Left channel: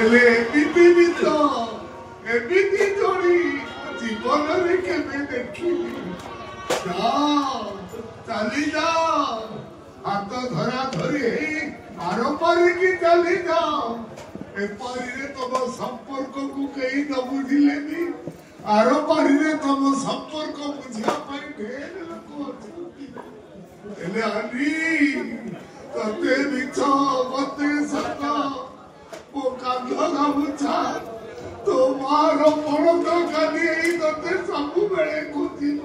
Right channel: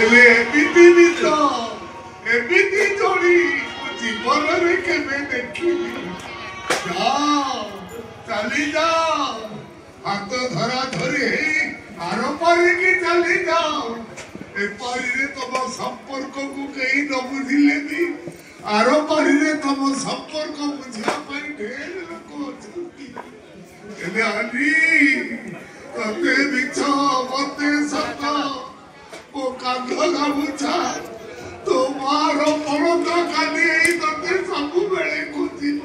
ହେଲେ ଏମିତି ନିଜ ଏମିତି ଯୋଡ଼ି ଜୀବନରେ କେବେ ଦେଖିନି। ଚାଲି ଯାଅ ହାତ ଧରା ଧରି ହେଇ ଆର ପାରିକି ଚାଲି ଯାଅ। ଏପାରିରେ ତମ ସମ୍ପର୍କକୁ କେହି ନ ବୁଝିଲେ ବି ଆର ପାରିରେ ତମ ସମ୍ପର୍କ ବୁଝିବା ପାଇଁ ଢେର ଲୋକ ଅଛନ୍ତି। ହେଲେ ଆଜି ତତେ ମିଛ ମତେ ସତ ମୋ କାନ୍ଧ ଗାମୁଛା ତୋ ମାର ପଣତ କାଲି ଏଇ ତତେ ସବୁବେଳେ ଖୋଜିବ।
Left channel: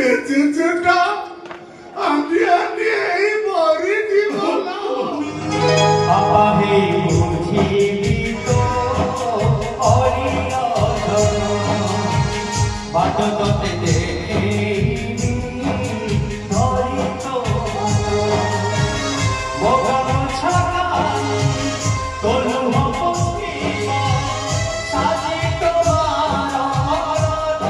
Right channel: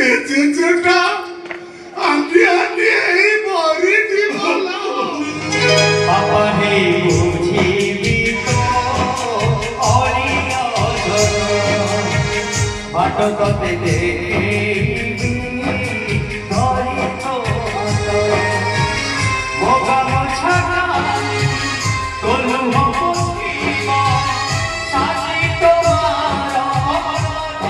ଏ ଜେଜେଟା ଆନି ଆନି ଏଇ ମରିଯିବ ବାପା ହେଇ ବୁଝିବି ତ ଅରିୟ ବାଟ ତତେ ଦେଖେଇବି ଧରି ତୋ ମୋ ଗାମୁଛାଟା ତୋ ଲୁହ ପୋଛିବ ସାଜି ତୋର ମରଦ।